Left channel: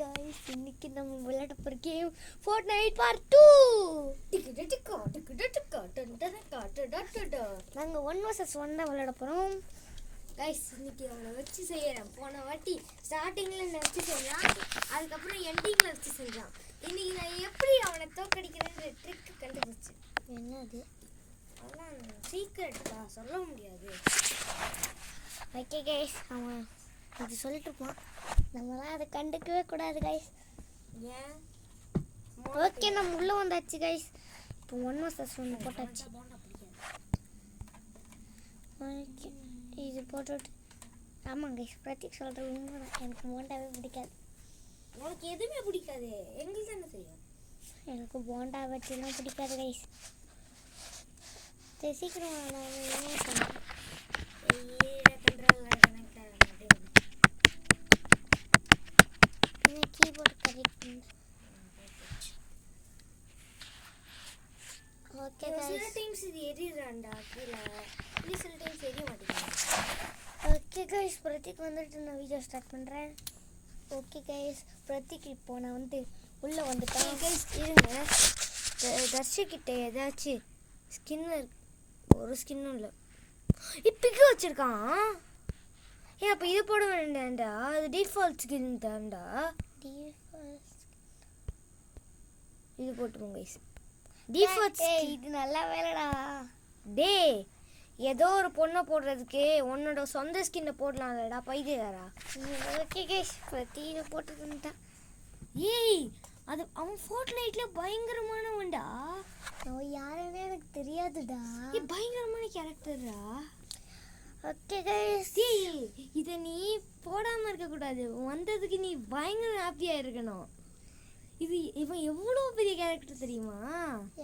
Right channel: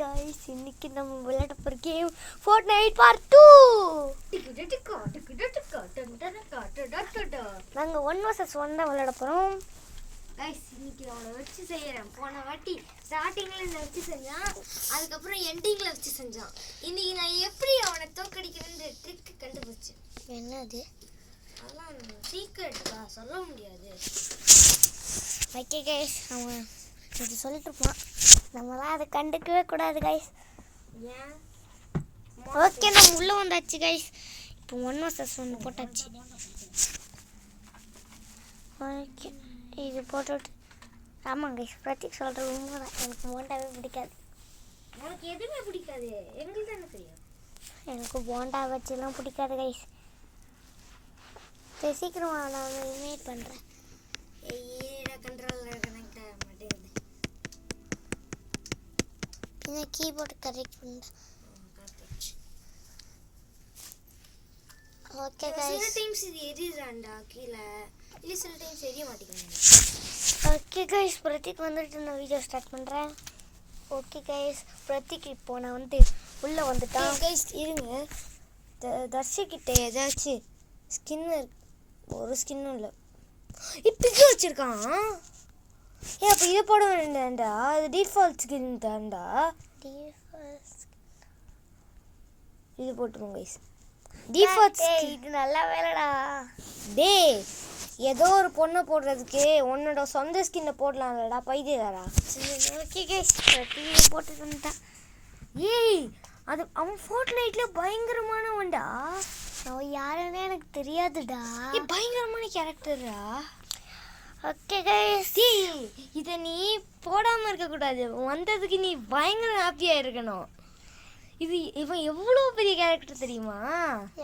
guys, இன்னைக்கு நம்ம விளையாட போற கேம் Fortnite Part 2. நாங்க 1 vs 1 தான் விளையாட போறோம். guys, இன்னைக்கு அவனை வச்சு செய்யறேன். போன வாட்டி ஸ்டார்டிங்ல நான் வச்சு செஞ்சான், அதுக்கப்புறம் எண்டிங்ல வச்சு செஞ்சான். இன்னைக்கு நான் எப்படி அவனை தோக்கடிக்கிறேன்னு ட்ரிக் கண்டுபிடிச்சேன். என்னது? அதெல்லாம் சீக்ரெட்டா சொல்ல முடியாது. ஓகே guys, நம்ம இது சொல்லிட்டு இருப்போம். நம்மளாம் அதை கண்டுக்கவே கூடாது guys. ஏன்? ஓகே, நம்ம உள்ள வந்தாச்சு guys. இப்போ 1 vs 1 போட்டாச்சு. ஓகே, இது போட்டுட்டு ஆமாம் guys, பிரதீக் சொல்கிறது உண்மைதான். எனக்கு போண்டாவே பிடிக்காது. உனக்கு எதுவுமே பிடிக்காது, எங்களுக்கு தானே தெரியும். எனக்கு போண்டா வச்சுலாம் பிடிக்காது guys. சரி, சீக்கிரம் நான் இனிமேல் பண்ணுறேன். Keyboard correct. ஓகே गाइस, சில டைம்ஸ் இது எரியுறான்டா கீழ, இல்ல சில டைம்ஸ் எரிய மாட்டேங்குது. ஓகே गाइस, பிரதீக் வந்துட்டு நான் வீடியோ ஸ்டார்ட் பண்றேன். ஓகே गाइस, பிரதீக் இப்போ நான் வந்து உள்ள வந்துட்டான். गाइस இருங்க, தர்ஷிக்கிட்ட ஏதாச்சும் ஸ்கின் ஒரு ஸ்கின்னும் இல்லை, இப்போ வச்சிருக்கான். ஏன் அப்போ இதை போட வேண்டாம்டா, அது டிஃபால்ட் ஸ்கின் தான்டா. இது போட்டுருவோம் கைஸ், டிஃபால்ட் ஸ்கின். இது நல்ல வேலைடா. டே, ஏதோ ஒரு பொண்ணை போடுறதுக்கு உன்னோட சொந்த ஸ்கின்னை போடலாம்லடா பைத்தியக்காரா. ஓகே गाइस, பிரதீக் போட்டு வந்துட்டான். ஏய், அது அவன் Fortniteல பயங்கரமானவன்டா. அவன் யாருன்னே எனக்கு தெரியாதுடா. பயங்கரமான கேரக்டரா. ஓகே गाइस, இதை நீ போடாமல் இருக்கக்கூடாது, வந்ததுக்கு நீ பயங்கர ஹாப்பியாக இருக்கணும். இவன் எவ்வளோ பெரிய கேரக்டர் தெரியுமா?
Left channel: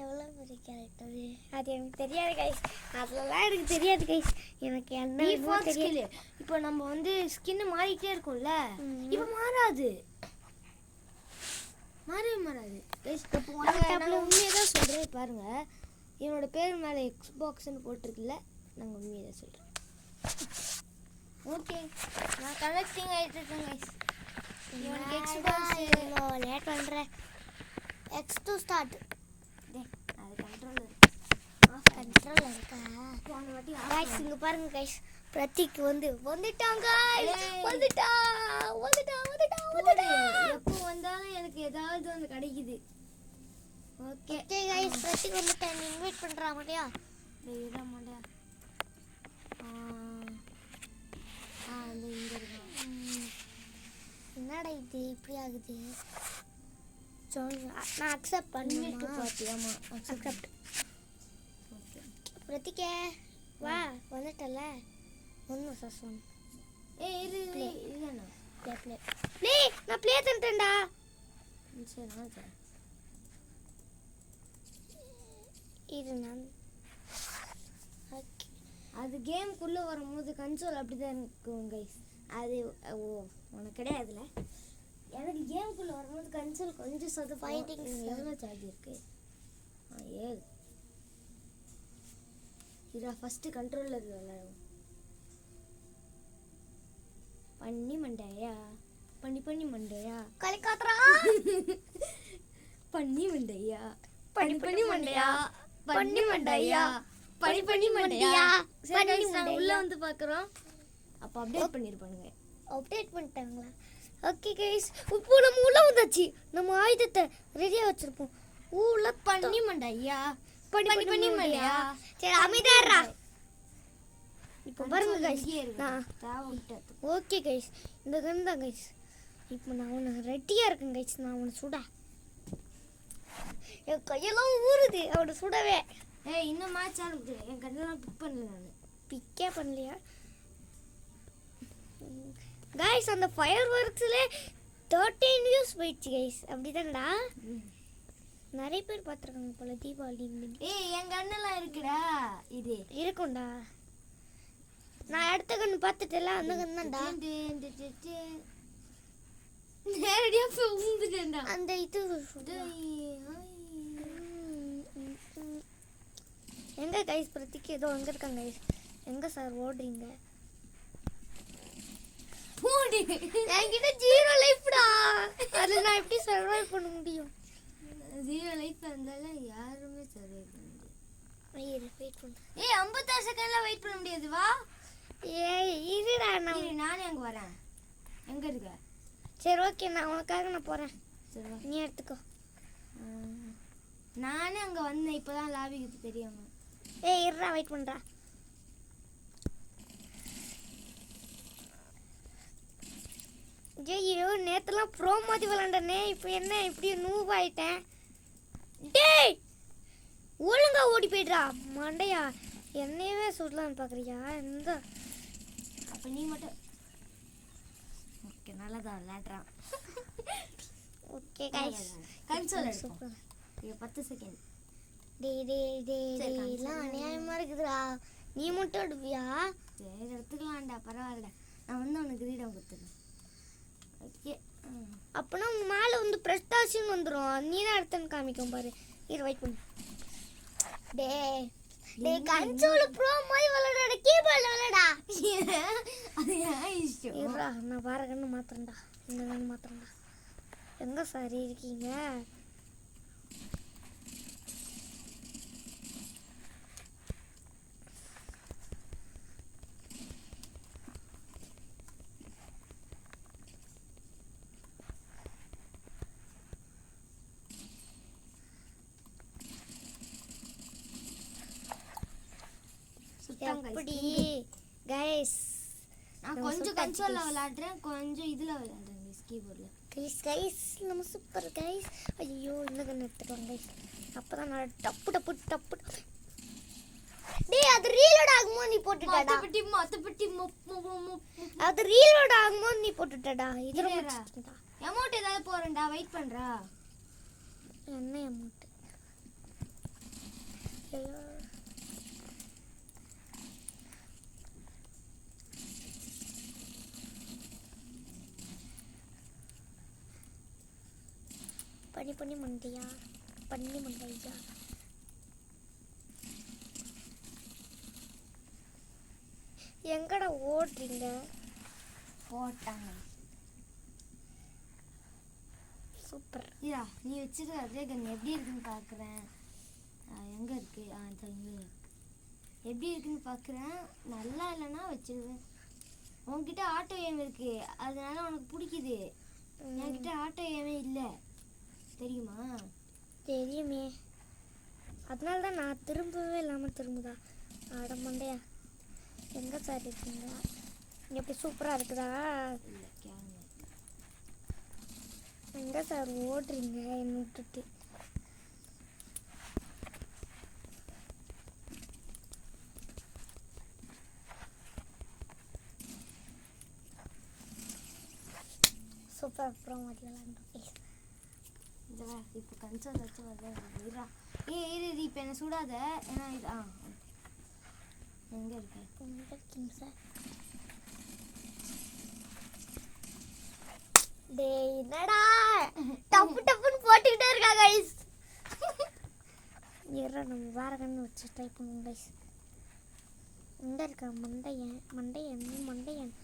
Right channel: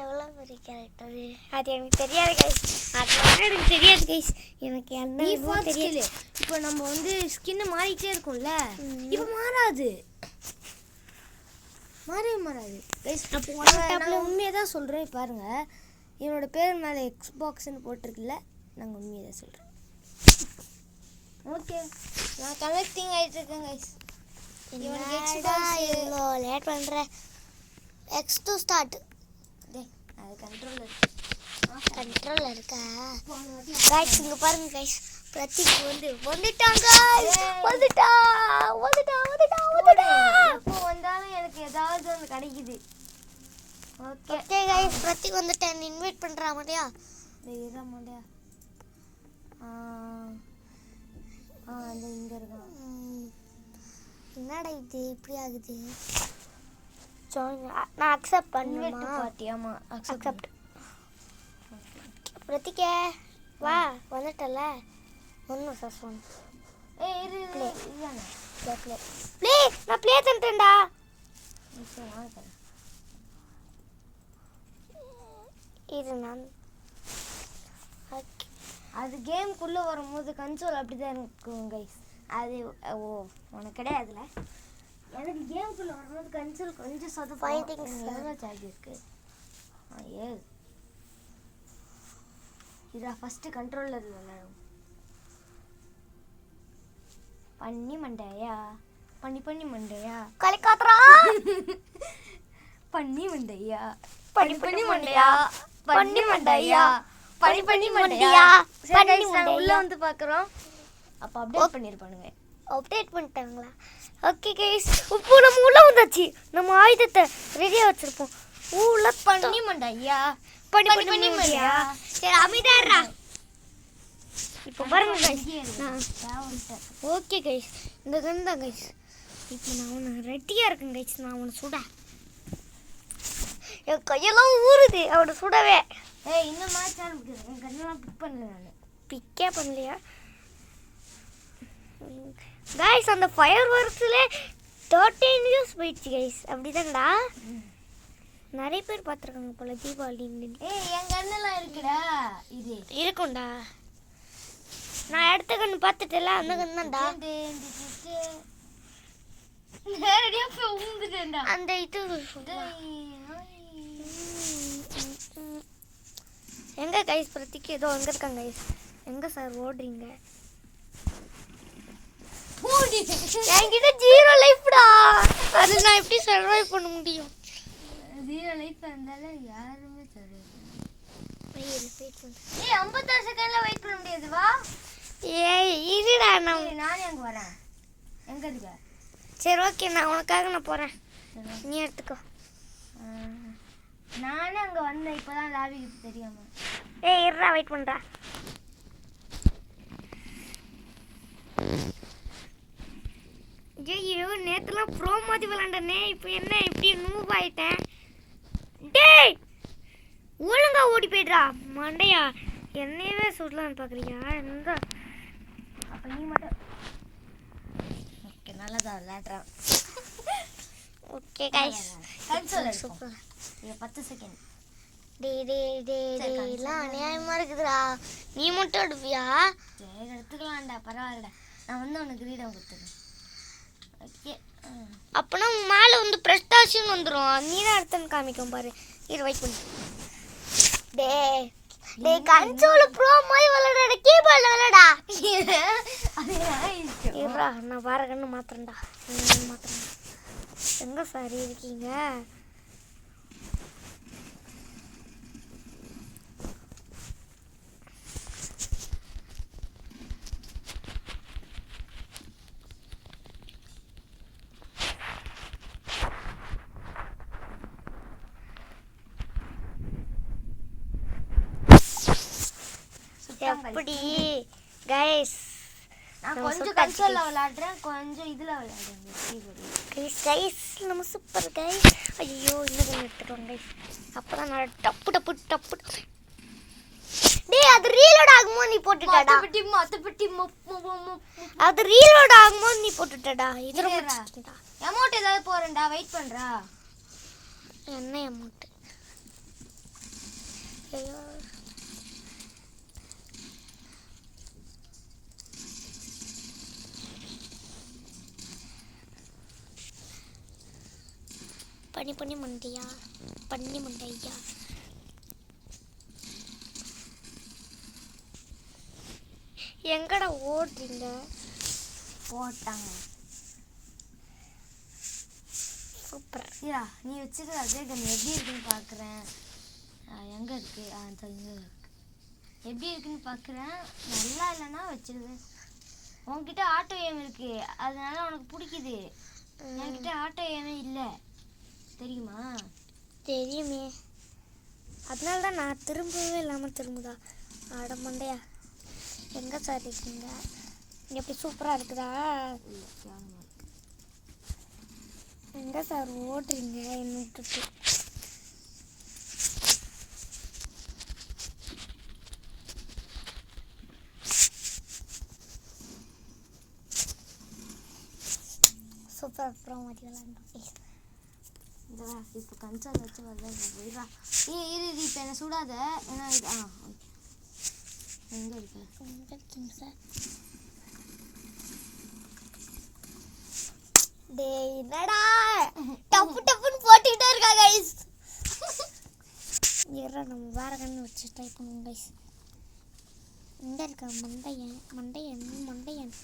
எவ்வளோ பெரிய கேரக்டர் அது எனக்கு தெரியாது guys. அதெல்லாம் எனக்கு தெரியாது guys. எனக்கு என்ன தெரியல. இப்போ நம்ம வந்து ஸ்கின் மாறிக்கிட்டே இருக்கும்ல, இப்போ மாறாது, மாறாது கைஸ். நான் உண்மையாக தான் சொல்கிறேன். பாருங்க, இவனோட பேர் மேலே எக்ஸ்பாக்ஸ்ன்னு போட்டிருக்குல்ல, நாங்கள் உண்மையாக தான் சொல்கிறோம். ஓகே, நான் கலெக்டிங் ஆகிட்டு இருக்கேன் கைஸ். இவ்வளோ லேட் பண்ணுறேன். X2 start. அது கண்ட்ரோலர் இருக்கா guys? இங்கே பாருங்க guys, பிரதீக் வந்துட்டான் guys. வந்துட்டா. எப்போ வந்தாலும் எனக்கு ஏதாவது ஒன்று கிடைக்குது. ஓகே guys, பிரதீக் வந்துட்டேன். இன்வைட் பண்ணுறா மாட்டியா? இட மாட்டியா? அந்த இங்கே இருக்கா. என்னடா இது இப்படி ஆகுது? நான் அக்செப்ட் பண்ணுவேன். பார்த்தியாமா? அக்செப்ட். பிரதீக்கே வா, வந்துட்டல. 1 vs 1. ஏய் இரு இதுதானே ப்ளே. நான் ப்ளே பண்ணிட்டேன்டா. இது நான் அது கேமுக்குள்ளே வரும்போது கன்சோல் அப்படி தான் இருக்கும் கைஸ். அது உனக்கு கிடையாதுல. எனக்கு கேமுக்குள்ளே வரும்போது கன்சோல் கொஞ்சம் எவ்வளோ சார்ஜ் இருக்கு? இதா ஃபஸ்ட்டு கண்ட்ரோலில் விளையாடும். பண்ணி மண்டையா கலிகாத்ரா. பண்ணி மண்டையா உள்ள வந்து பார்க்குறோம். அப்போ அப்டேட் பண்ணியிருப்பானுங்க. அப்டேட் பண்ணிட்டாங்களா? ஓகே கைஸ், இப்போ நம்ம உள்ள வந்தாச்சு. நம்ம ஆயுதத்தை ரெடியாக வச்சுருப்போம். உள்ள பண்ணி மண்டையா. சரி, அமைதியாடுறா. இப்போ பாருங்க கைஸ், ஓகே கைஸ், இந்த கன் தான் கைஸ். இப்போ நான் உன்னை ரெட்டியாக இருக்கேன் கைஸ். நான் அவனை சுட, என் கையெல்லாம் ஊறுது அவனை சுடவே. இந்த மேட்ச் ஆரம்பிக்குது, என் கண்ணெல்லாம் பிக் பண்ணல. நான் பிக்கே பண்ணலையா கைஸ்? அந்த ஃபயர் ஒர்க்ஸ்ல 13 views போயிடுச்சு கைஸ். அப்படிதான்டா, நிறைய பேர் பார்த்துருக்காங்க போல தீபாவளி. என் கண்ணெல்லாம் இருக்குடா, இது இருக்கும்டா. நான் அடுத்த கண்ணு பார்த்துட்டேல, அந்த கண்ணு தான்டா. நேரடியாக போய் ஊந்துட்டேன்டா. அந்த இது எங்க கைஸ்? பிரதீக் ஏதோ எங்க இருக்காங்க கைஸ்? எங்க சார் ஓடுறீங்க? என்கிட்ட 0 லைஃப்டா. அது நான் எப்படி சர்வை பண்ண முடியும்? 0 லைட் பண்ணதால யாருமே சர்வை பண்ண வெயிட் பண்ணு. 56 செகண்ட்ல வெயிட் பண்ண முடியாது வா. ஏய் இருடா நான் நானே அங்க வரேன். எங்க இருக்க? சரி ஓகே நான் உனக்காக நான் போறேன். நீ எடுத்துக்கோ. நானே அங்க வந்தேன் இப்பதான் லாபிக்கு தெரியாம. ஏய் இருடா வெயிட் பண்றா. ஐயோ நேத்துலாம் ப்ரோ மாதிரி விளாண்டனே, இப்போ என்ன இப்படி நூப் ஆயிட்டேன். டேய் ஒழுங்கா ஓடி போய்ட்றா மண்டையா. என்னையவே சுடலான்னு பார்க்குறியா? இந்த அப்ப நீ மட்டும் ஓகே நல்லதா விளையாடுறான். Okay guys console super. 10 second. எல்லாம் அநியாயமா இருக்குதுடா. நீ மட்டும் எடுப்பியா? சரி எடுத்துக்கலாம்டா பரவாயில்லடா. நான் வந்து உனக்கு கிரீடம் கொடுத்துறேன். ஓகே அப்பனா மேலே வந்து பிரஸ்டாஷன் வந்துடும். நீ தான் எடுத்துன்னு காமிக்கும் பாரு. இரு வெயிட் பண்ணு. டேய் கன்சோல் ப்ரோ மாதிரி விளையாடுற கீபோர்ட்ல விளையாடா. இருடா நான் வேற கண்ணு மாத்துறேன்டா. மாத்துறேன்டா. எங்க சார் இருக்கீங்க? எப்படி கைஸ்? நான் கொஞ்சம் கன்சோல்ல விளையாடுறேன், கொஞ்சம் இதுல விளையாடுறேன். கைஸ் நம்ம சூப்பர் கைஸ். ஐயோ இன்னும் எடுத்துட்டு வாங்க கைஸ். அப்பதான் நான் டப்பு டப்பு டப்பு. டேய் அது ரீலோட் ஆகும்போது நீ போட்டுட்டடா. அது ரீலோட் ஆகும்போது நீ போட்டுட்டடா. இது ரொம்ப சின்னடா. அமௌண்ட் ஏதாவது போறேன்டா வெயிட் பண்றா. என்ன அமௌண்ட்? ஐயோ பண்ணி மண்டையா பண்ணி மண்டையா. எங்கடா ஓடுறீங்க? போட்டாங்க சூப்பர். யா நீ வச்சிருக்க அதே கன் எப்படி இருக்குன்னு பார்க்குறேன். எங்கே இருக்கு? இங்கே இருக்கு. எப்படி இருக்குன்னு பார்க்குறேன். நல்லா இல்லைன்னா வச்சிருவேன். உன்கிட்ட ஆட்டோ ஏம் இருக்கு, அதனால உனக்கு பிடிக்குது. என்கிட்ட ஆட்டோ ஏமே இல்லை தெரியுமா? தெரியுமே, அதனால தான் நான் திரும்பவே இல்லாமல் திரும்புதா. ஆட மண்டையா எங்கே சார் இருக்கீங்க? எப்படி சூப்பராக இருக்குதா? எங்கே சார் ஓடுறீங்க என்ன விட்டுட்டு? சூப்பர் அப்புறம் மாதிரி விளாண்டோம். இப்போ கன்சோல் வச்சு வரதா. இது இப்போ என்ன சுடாத. ஏன்னா இது எங்கே இருக்கு? எங்கே இருக்கீங்க சார்? டேய் என்னடா டப்பு டப்புன்னு போட்டுக்கிட்டே இருக்கா கைஸ். ஏறா நம்ம வேற கண்ணு வச்சு ட்ரை பண்ணுவோம் கைஸ். எங்கே இருக்கா மண்டையன்? மண்டையன் மண்டையன்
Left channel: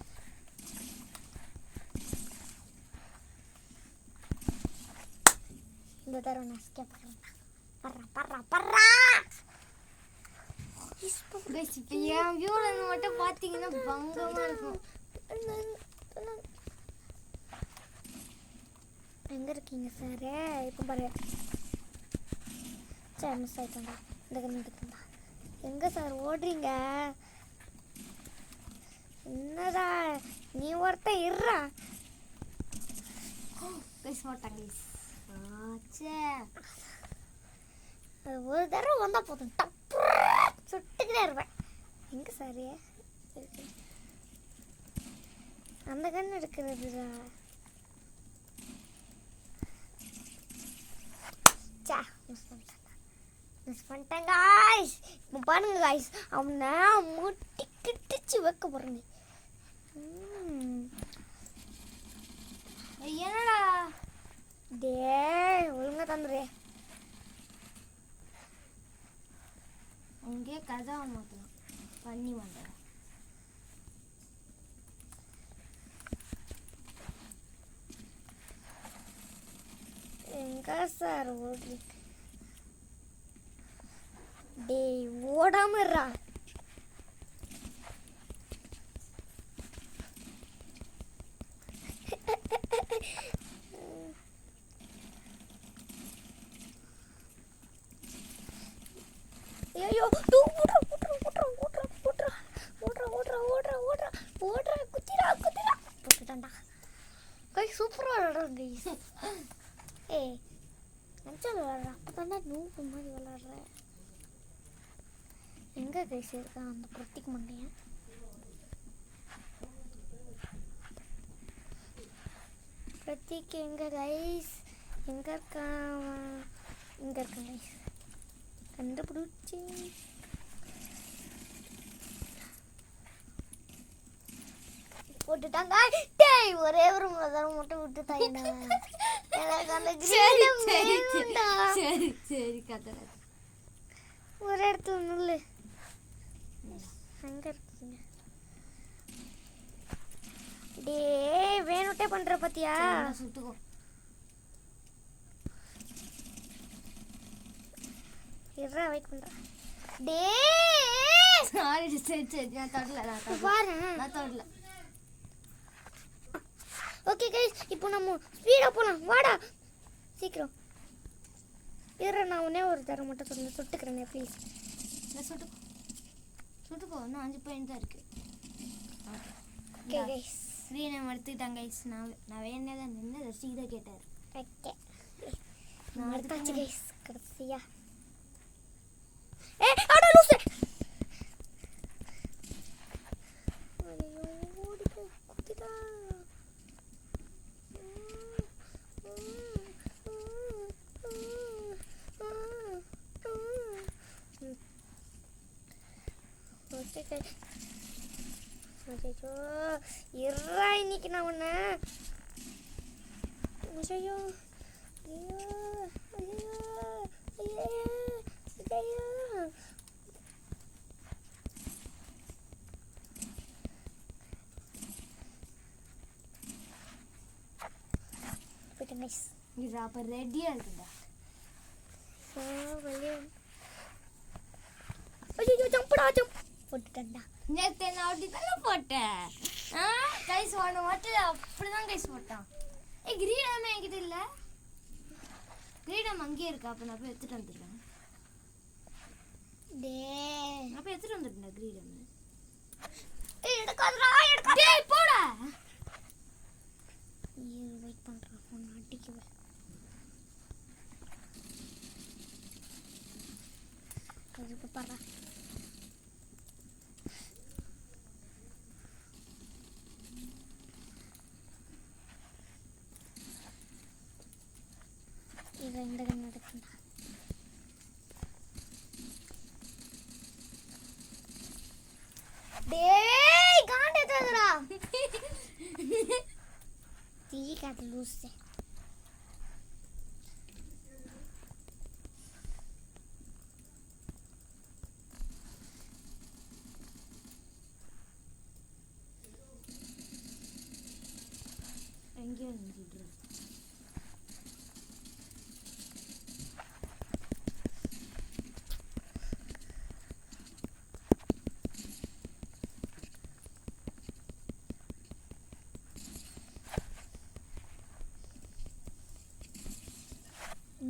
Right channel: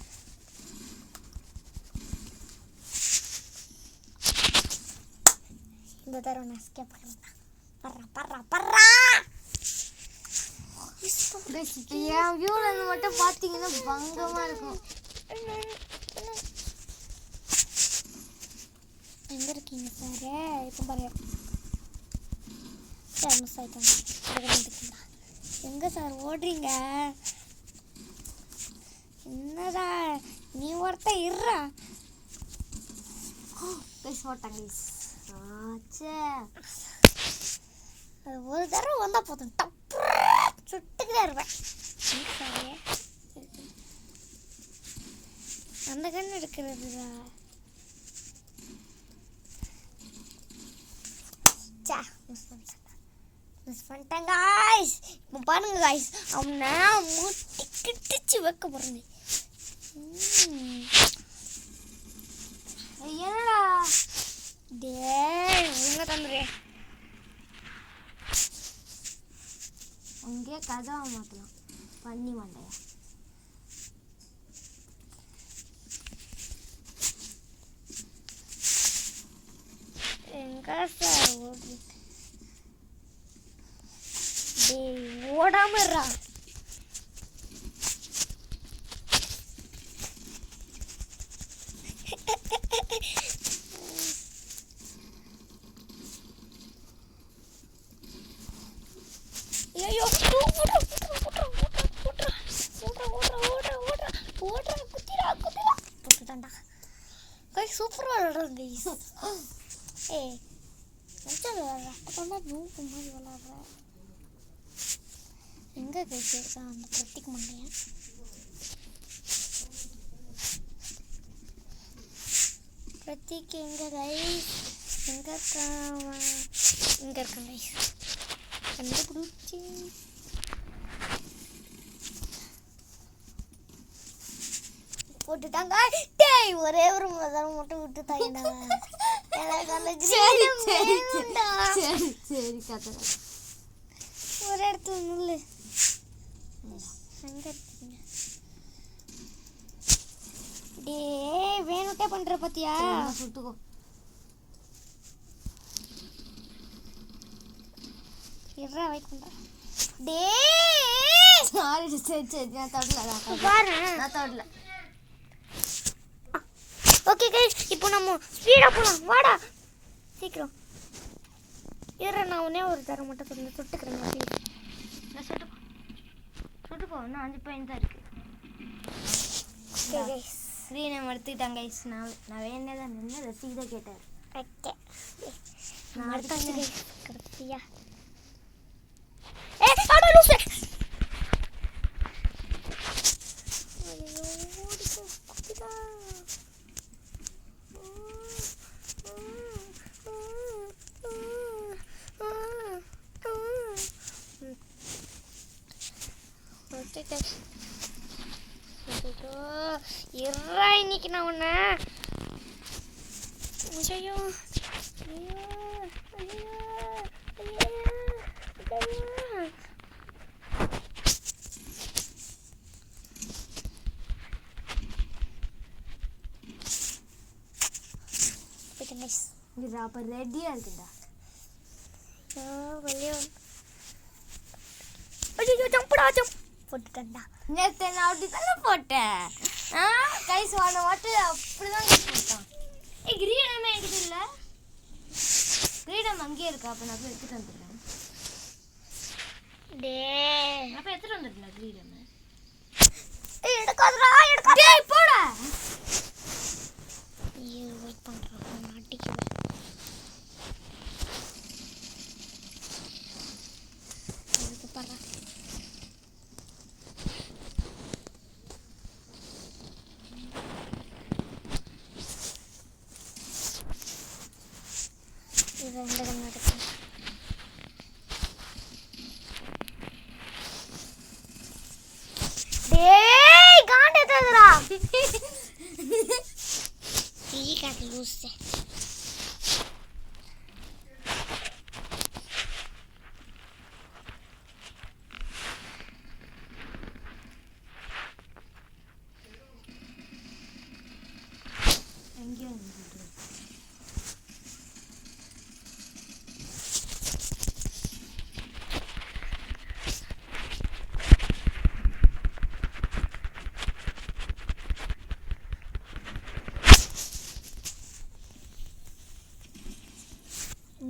இந்த தடவை நான் ஸ்கேப் பண்ணுறேன். பர்றா பர்றா என் வியூவில் இருந்து மட்டும் பார்த்தீங்கன்னா பங்கமாக இருக்கும். எங்கே இருக்கீங்க சார்? இப்போ பாரு சார் மிஸ் ஆகிட்டாங்க. எங்கே சார் ஓடுறீங்க? என்னடா நீ ஒருத்தன் இருறா. போட்டாங்க அது ஒரு தடவை வந்தால் போதும் டப்பு சுட்டுக்கிட்டே இருப்பேன். எங்கே சார் அந்த கண்ணு எடுக்கிறதுதா? மிஸ் பண்ணிட்டேன் காய்ஸ். இப்போ பாருங்க காய்ஸ், அவனை முட்டி கிட்டிச்சு வைக்க போகிறேன். என்னடா டேய் ஒழுங்கா தந்துரு. அங்கே கதவை மாற்றலாம் பண்ணி மாட்டேன். எங்க சார் ஓடுறீங்க? டேய் ஓடாம இருடா. ஐயோ ஓடுறா குத்திரா போட்டுட்டான்டா. கைஸ் சூப்பராக விளாடுறேன் கைஸ். ஏய் நல்லா விளாட்ற. அப்போதான்டா நூப்பு மாதிரி விளாட்ற. எங்கே கைஸ் இருக்கான் அந்த பிரத்திக் மண்டையன்? பிரத்திக் எங்கே கைஸ்? எங்கே இருக்கான்? இங்கே இருக்கான் கைஸ். கண்டுபிடிச்சி போட்டுட்டாங்க. டேய் ஒரே ஒரு முதல் மட்டும் விட்டுட்டாங்க. எனக்கு அந்த கிரீடம் வேணும்டா. சரி கதை ஒரு இடத்துல நில்லு. அங்கே இருக்கீங்க. டேய் வேணுட்டே பண்ற பாத்தியா? சுட்டுக்கோ. இருடா வெயிட் பண்றா. டேய் சாரி சரி நான் தொடல பாரு. நான் தொடல. ஓகே கைஸ் இப்போ நம்ம ஸ்பீடா போலாம். வாடா சீக்கிரம். இரு நான் உடனே ஒரு தரம் மட்டும் சுட்டுக்கிறேன் ப்ளீஸ். நான் சுட்டுக்கோ. இன்னும் 5 பாயிண்ட் தான் இருக்கு. ஓகே கைஸ் ஸ்க்ரீனை எடுத்துக்கிட்டாங்க கைஸ். நான் வேணதான் நின்று ரசிக் தான் கேட்டார். ஓகே நான் அடுத்தாச்சு கைஸ். கடைசியா அட லூசு. ஐயோ ஓடிக்கோ குதிடா. இருறா இன்னைக்கு நான் உன்ன. ஐயோ ஐயோ ஐயோ ஐயோ ஐயோ. இது அப்போ ரெடியாக இருக்குண்டா. வெளியே ஐயோ ஜம்படா ஜம்ப் போட்டுட்டேன்டா. நேற்று நான் அப்படி தானே போட்டேன். கைஸ் வாங்க மட்டும் அப்படி தான் போட்டான். கிரீடம் என்கிட்ட இல்லை. கிரீடம் அங்கேயே இருக்கா. அப்போ நான் போய் எடுத்துகிட்டு வந்துடுறேன். அப்போ எடுத்துகிட்டு வந்துடுறேன் கிரீடம். எடுக்காதடா எடுக்காதே போடா. ஐயோ வெயிட் பண்ணுறேன் நான் அடிக்குவேன். அதுக்கு பாரு இது எந்த கண்ணு எடுக்கும். டேய் காண்டே ததுடா. தீ காட்டு லூசே.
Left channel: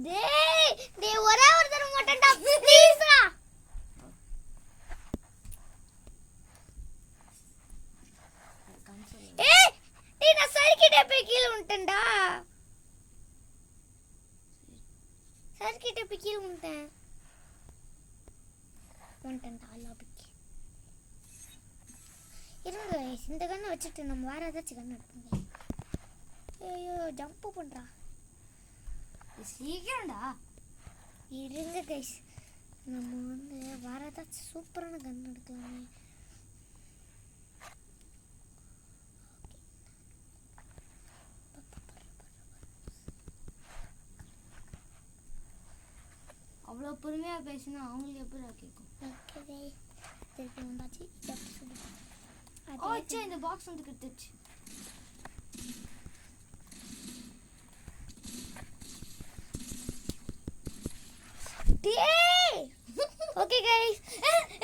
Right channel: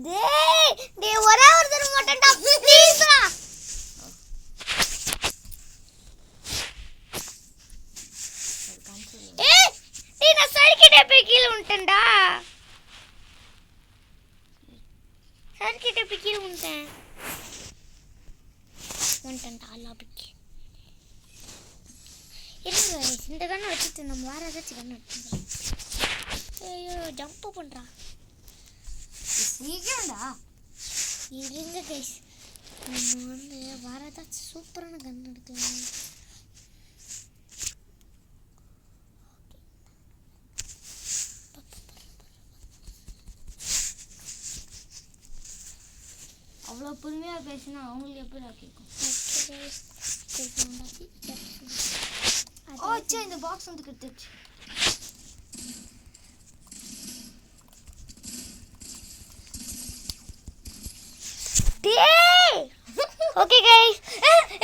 டேய் ஒரே ஒரு தடவை மட்டும்டா ப்ளீஸ்டா. டேய் நான் சர்க்கிட்ட போய் கீழ விட்டேன்டா. சர்க்கிட்ட போய் கீழ விட்டேன்டா லாபிக்கு. இருங்க இந்த கண்ணை வச்சுட்டு நம்ம வேற ஏதாச்சும் கண்ணு எடுத்துக்கலாம். ஐயோ ஜம்ப் பண்றா. சீக்கிரம்டா இருங்க கைஸ் நம்ம வந்து வேற ஏதாச்சும் சூப்பரான கன் எடுக்கலாம். அவ்வளோ பொறுமையாக பேசினா அவங்களுக்கு எப்படி கேட்கும். இந்த பாக்ஸ் வந்து கிட்டுச்சு. டேய் ஓகே गाइस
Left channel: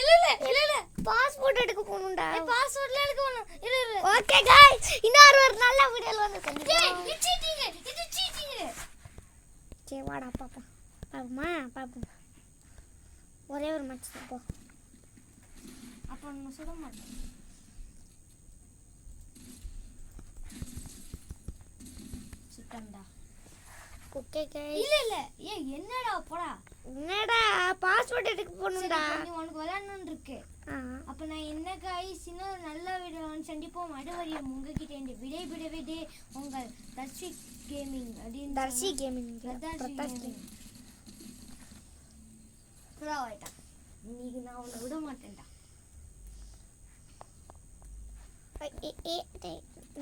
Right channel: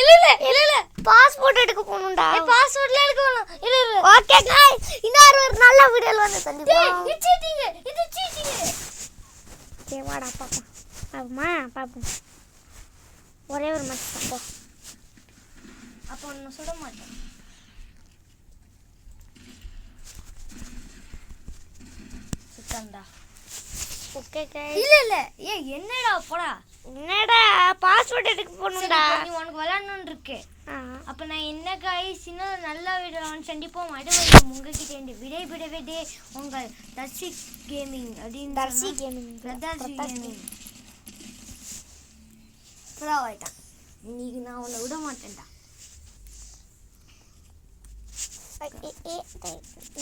இல்ல பாஸ்போர்ட் எடுக்க போணும்டா பாஸ்வேர்ட்ல எடுக்க வேணாம் இல்ல ஓகே गाइस இன்னொரு ஒரு நல்ல வீடியோல வந்து கண்டிப்பா இது சீட்டிங் சரி வாடா பாப்போம் ஒரே ஒரு மேட்ச் பாப்போம் அப்போ நான் சுட மாட்டேன் சுத்தம்டா ஓகே गाइस இல்ல என்னடா போடா என்னடா பாஸ்போர்ட் எடுக்க போணும்டா நீ உனக்கு விளையாடணும்னு இருக்கு ஆ அப்ப நான் என்ன गाइस இன்னும் நல்ல வீடியோ சந்திப்போம் அடுத்த உங்ககிட்ட இந்த விடைபெறவே உங்கள் தர்ஷி கேமிங் அப்படின்னு தர்ஷி கேமிங் புறாவாயிட்டான் இன்னைக்கு நான் உன்னை விட மாட்டேன்டா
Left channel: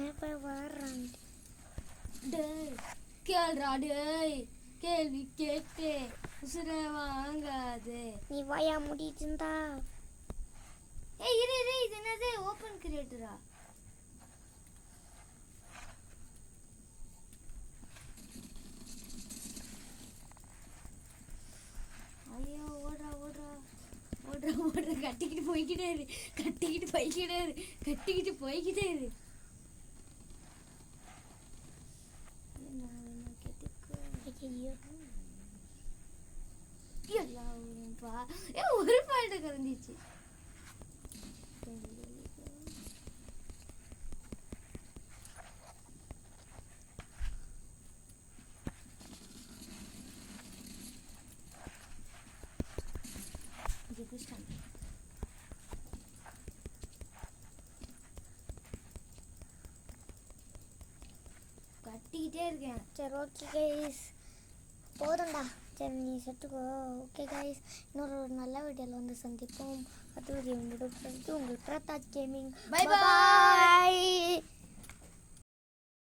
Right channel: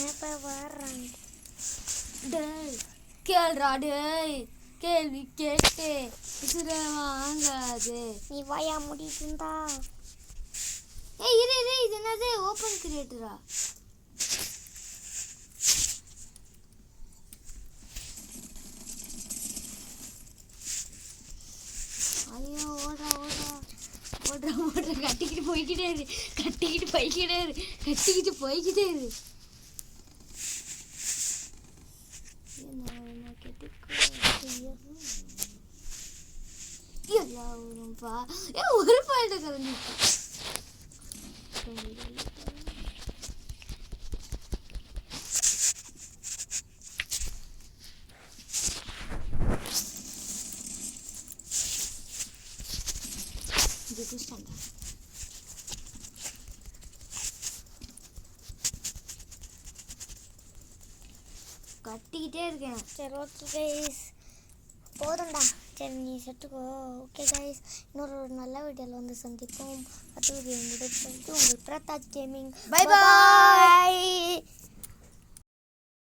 எப்ப வர்றான் டேய் கேள்றா டேய் கேள்வி கேட்டு விசிற வாங்காது நீ வாயா முடியுதுண்டா ஏய் இரு இது என்னது ஓபன் கிரியேட்டரா ஐயோ ஓடுறா கட்டிக்கிட்டு போய்க்கிட்டே இரு ஒரு பாயிண்ட் கலந்துச்சு கட்டிக்கிட்டே இருக்கேன் சரி ஓகே गाइस போதும்டா சரி நீ செத்துக்கோ ஓகே गाइस இன்னொரு ஒரு நல்ல வீடியோல வந்து சந்திப்போம் அது ஒரு உங்களுக்கு பிரதாப் கேமிங் பை பை